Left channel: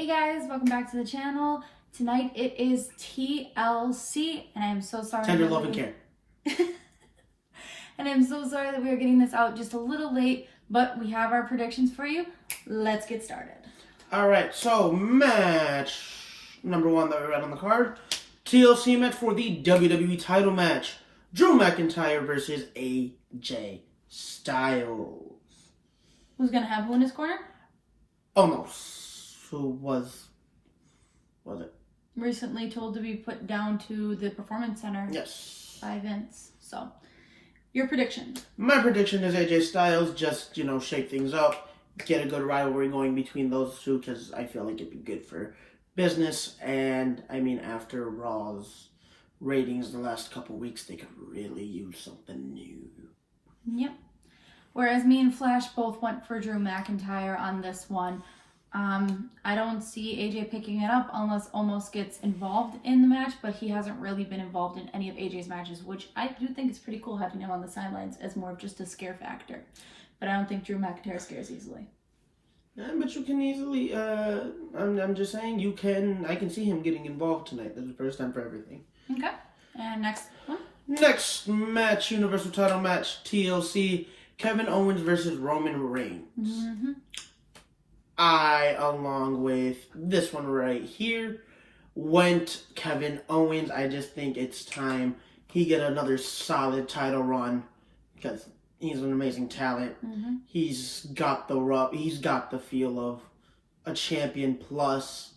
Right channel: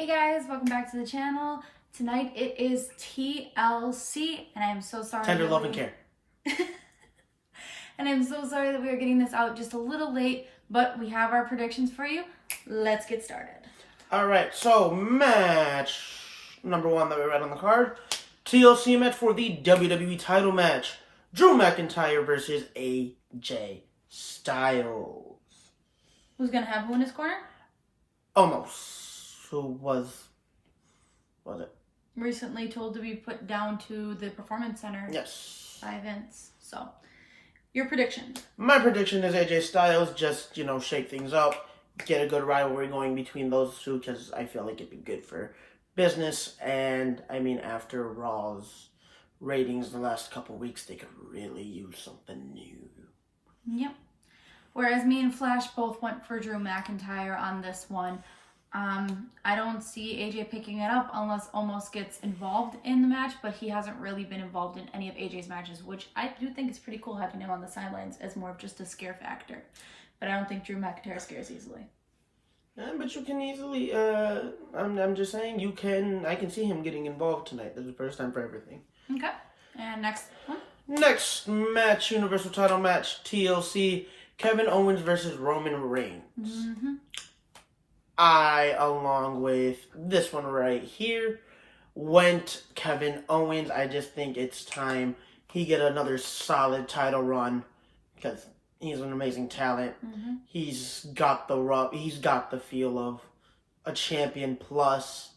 Hey guys, welcome back to the channel. Tonight it is TLC, and I am so sorry. Tender love and care. And I'm so sorry that we are getting this out just a little late, but we have our predictions for you. Let's get started. Alright, so match number one that we read on the card. TLC match for the WWE title match. Drew McIntyre versus AJ Styles. Who's going to have who in his corner? Almost. Who was it? Recently told to be put down to the Performance Center. Yes. By Vince. So, your prediction? My prediction is AJ Styles just, shake things up. Get a good rivalry going between those two because I feel like it'd be good for business. And, after Raw's ratings the last couple weeks, they could really use something new. Yep. Whereas me and Flash both went for Drew McIntyre on this one. I don't see AJ picking it up unless Omos gets involved in the match, but he hasn't really been involved in any of AJ's matches, which I do think is pretty cool having him on the sidelines as more of just a scare factor. But I don't think Drew McIntyre scares easily. Yeah, but you can easily, I'm just saying, I can see him getting involved tonight. That's the first time for everything. Okay. And next one? Next match, Universal title match, TLC, Kevin Owens versus Roman Reigns. Mm-hmm. I, along with this one right here, went Kevin Owens. I just think it's time he get another solid title run because he's an amazing talent. Mm-hmm. He's got the feel of a champion. Plus,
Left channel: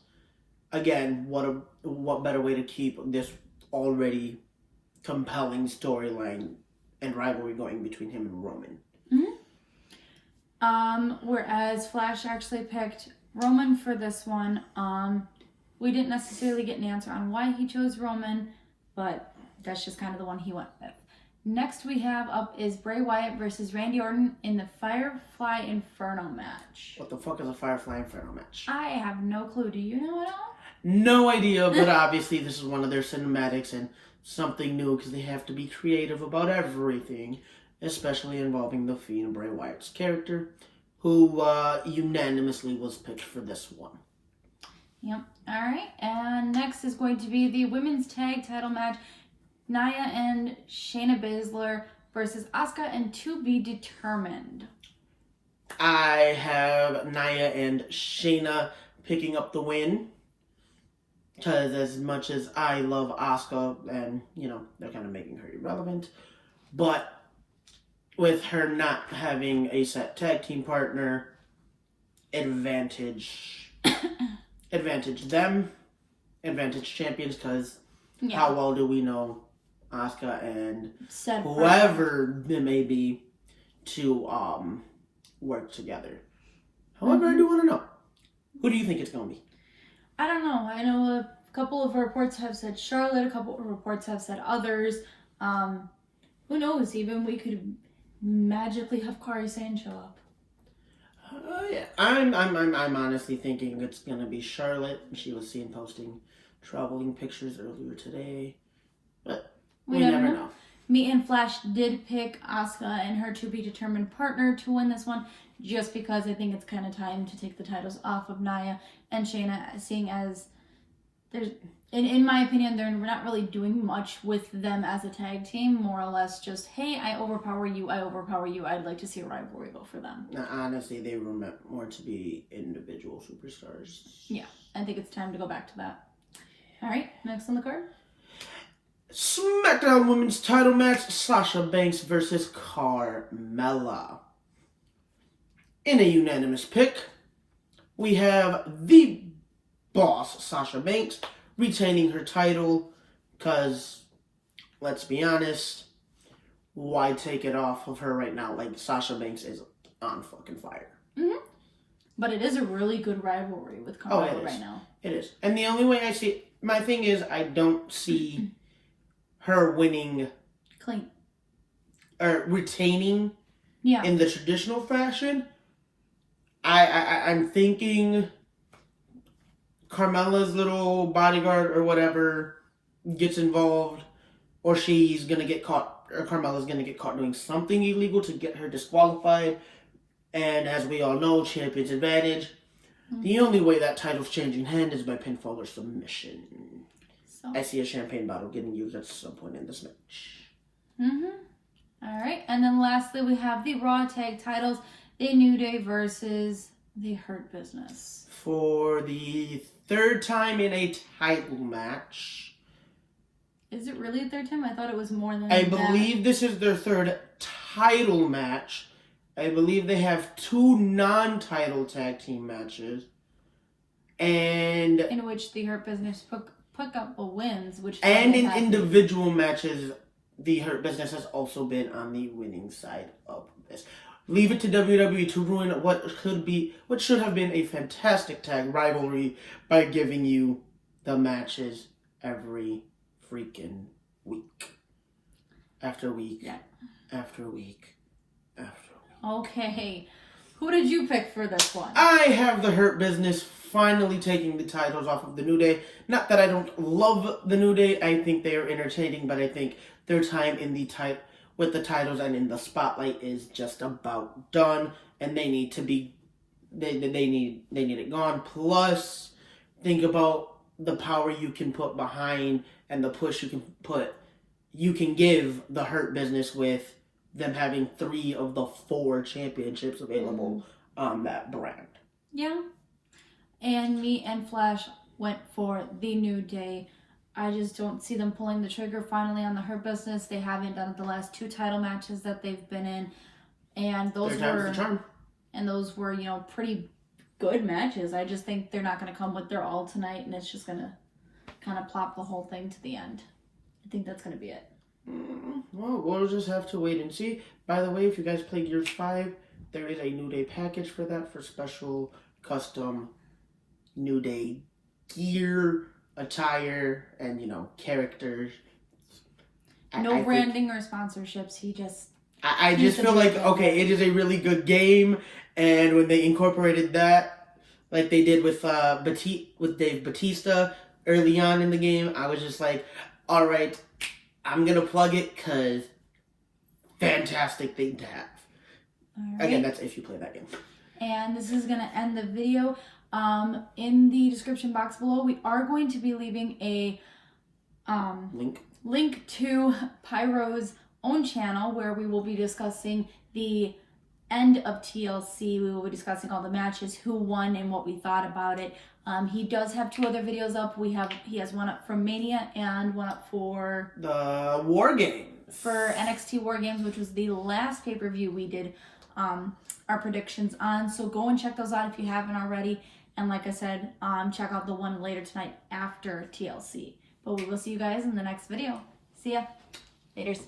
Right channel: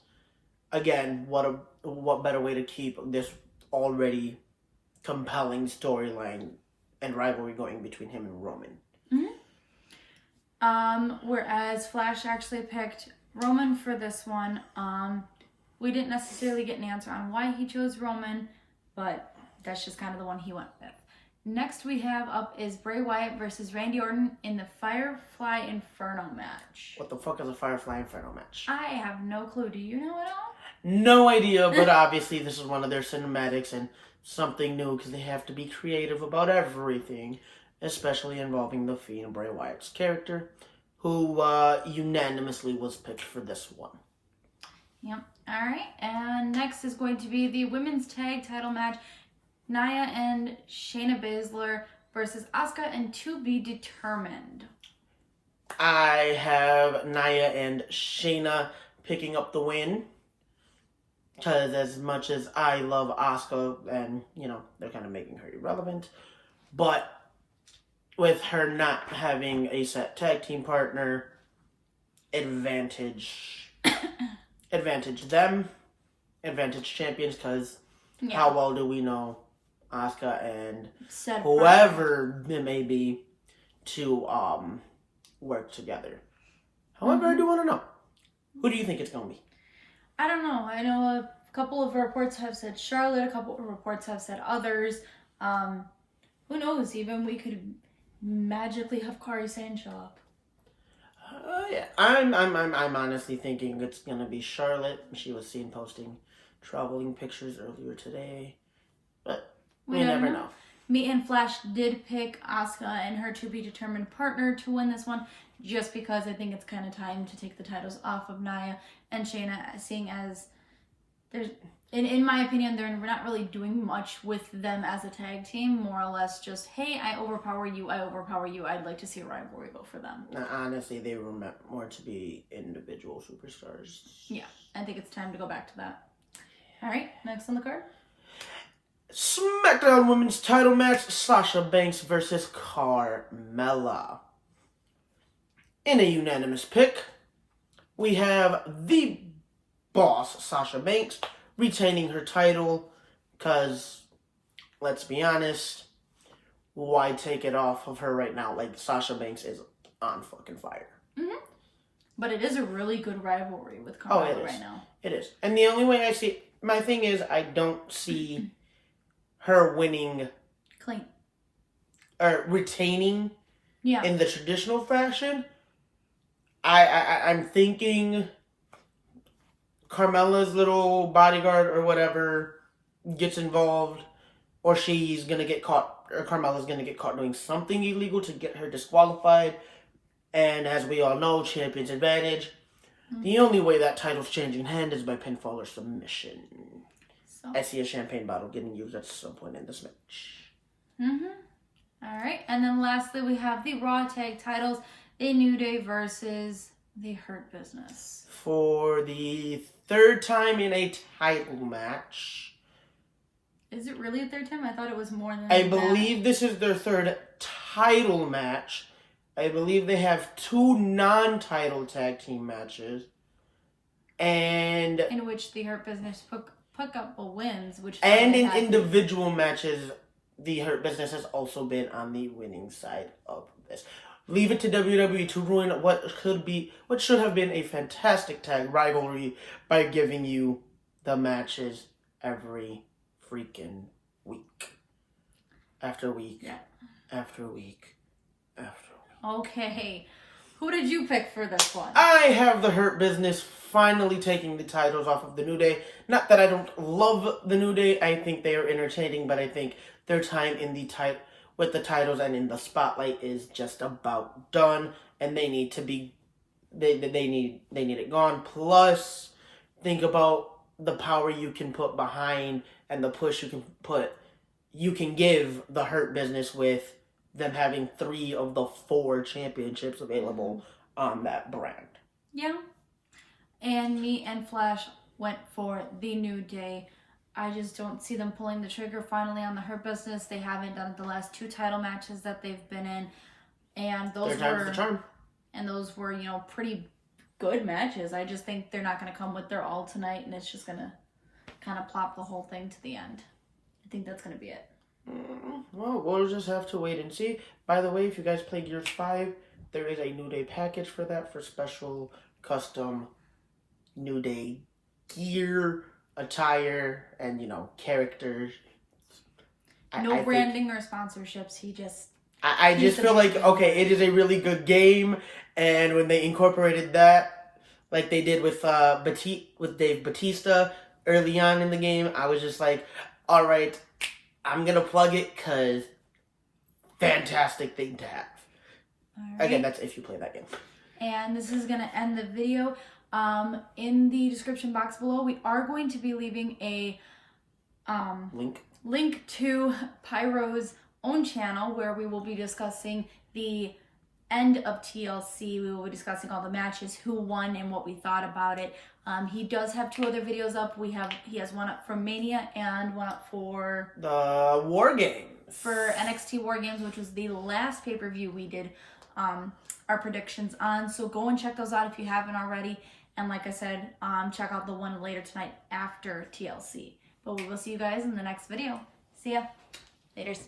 again, what better way to keep this already compelling storyline and rivalry going between him and Roman. Mm-hmm. Whereas Flash actually picked Roman for this one. We didn't necessarily get an answer on why he chose Roman, but that's just kind of the one he went with. Next we have up is Bray Wyatt versus Randy Orton in the Firefly Inferno match. What the fuck is a Firefly Inferno match? I have no clue. Do you know at all? No idea, but obviously this is one of their cinematics and something new because they have to be creative about everything, especially involving the Fiend, Bray Wyatt's character, who unanimously was picked for this one. Yep. All right. And next is going to be the women's tag title match. Nia and Shayna Baszler versus Asuka and To Be Determined. I have Nia and Shayna picking up the win. Because as much as I love Asuka, and, they're kind of making her irrelevant. But with her not having a set tag team partner, advantage them, advantage champions, because how well do we know Asuka and whoever it may be to work together? However, I do want to know, who do you think it's going to be? I don't know. I know a couple of reports have said Charlotte, a couple of reports have said others. Who knows? Even we could magically have Kairi Sane show up. Yeah. I'm honestly thinking it's gonna be Charlotte. She was seen posting traveling pictures earlier today, but we never know. Me and Flash did pick Asuka and her to be determined partner to win this one, just because I think it's kind of time to take the titles off of Nia and Shayna, seeing as there's, in my opinion, they're not really doing much with them as a tag team. More or less just, hey, I overpower you, I'd like to see a rivalry go for them. Now, honestly, they were meant more to be individual superstars. Yeah, I think it's time to go back to that. All right, next on the card. SmackDown Women's title match, Sasha Banks versus Carmella. In a unanimous pick, we have the boss, Sasha Banks, retaining her title, because, let's be honest, why take it off of her right now? Like, Sasha Banks is on fucking fire. Mm-hmm. But it is a really good rivalry with Carmella right now. It is. And the only way I see it, my thing is, I don't see her winning clean or retaining in the traditional fashion. I'm thinking Carmella's little bodyguard or whatever gets involved, or she's gonna get caught, or Carmella's gonna get caught doing something illegal to get her disqualified. And as we all know, champion's advantage. The only way that title's changing hand is by pinfall or submission. So. I see a champagne bottle getting used at some point in this match. All right, and then lastly, we have the Raw Tag Titles, the New Day versus the Hurt Business. For the third time in a title match. Is it really a third time? I thought it was more than I believe this is their third title match. I believe they have 2 non-title tag team matches. And in which the Hurt Business pick up wins, which and in individual matches, the Hurt Business has also been on the winning side of this. Leave it to WWE to ruin what should have been a fantastic tag rivalry by giving you the matches every freaking week. After week. Yeah. After week. After week. Okay. Who did you pick for this one? I have the Hurt Business finally taking the titles off of the New Day. Not that I don't love the New Day. I think they are entertaining, but I think their time in with the titles and in the spotlight is just about done, and they need to be they need it gone. Plus, think about the power you can put behind and the push you can give the Hurt Business with them having 3 of the 4 championships available on that brand. Yeah. And me and Flash went for the New Day. I just don't see them pulling the trigger finally on the Hurt Business. They haven't done it the last 2 title matches that they've been in. And those were, you know, pretty good matches. I just think they're not going to come with their all tonight, and it's just going to kind of plop the whole thing to the end. I think that's going to be it. Well, we'll just have to wait and see. By the way, if you guys played Gears 5, there is a New Day package for that, for special custom New Day gear, attire, and, you know, characters. No branding or sponsorships. I just feel like, okay, it is a really good game, and when they incorporated that, like they did with Dave Bautista early on in the game, I was just like, all right, I'm going to plug it, because fantastic thing to have. Right. Again, that's if you play that game. And this is going to end the video. In the description box below, we are going to be leaving a link to Pyro's own channel, where we will be discussing the end of TLC. We will be discussing all the matches, who won, and what we thought about it. He does have 2 other videos up. He has one up from Mania and one up for the War Games. For NXT War Games, which was the last pay-per-view we did our predictions on. So go and check those out if you haven't already. And like I said, check out the one later tonight after TLC. But we will see you guys in the next video. See ya. Laters.